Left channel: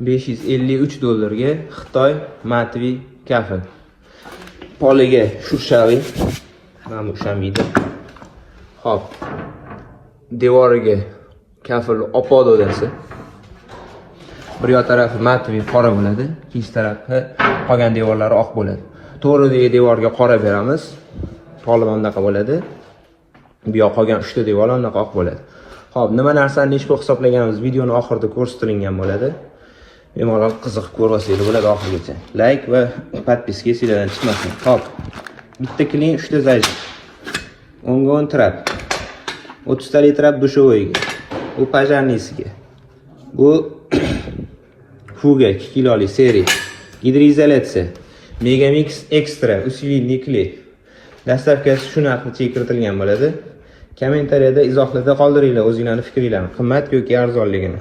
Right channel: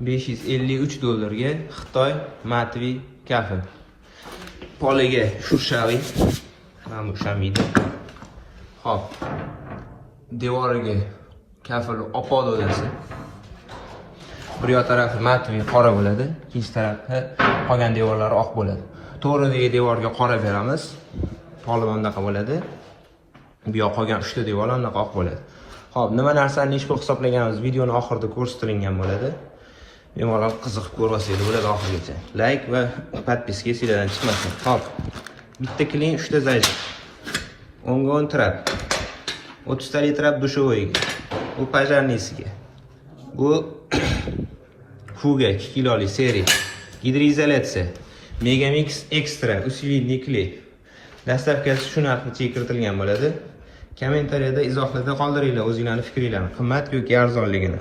$553 Xitoy matviy kafil. Poliga shushaviy. Mana ushamaydi. Xo'p. Devoriga kafil opo dodasi. Bir yoq tarafi matviy qora bo'ladi, ikkinchi tarafi qolgan devorlari oq bo'ladi. To'g'ridagi devorga qora beramiz. Tolib bunaqa bo'ladi. Bu yoq qolgan 3 ta devor bunaqa oq bo'ladi. Xo'p, nima narsani nechta hisoblaganimiz videoning oxirida ko'rsatilgan bo'ladi. Bemalol qiziqib ko'rsangiz bo'ladi oxirigacha. Like va podpiska sizlardan chiqmasin. Xo'p. Bitta klin 3 ta zayt. O'ngga o'ntirab. 30 ta litr dushovoyga. Bu pajarnisiga. Bu fuga 2 kilolik seriya. Gidroizolyatsiya. Megamix Extra usvilniy kley. Dastavkasi shu narxda kiritilgan bo'ladi. Kommentariyada izohlarda qoldiringlar o'zingizlarning fikringizni, qimmat yoki arzonligini.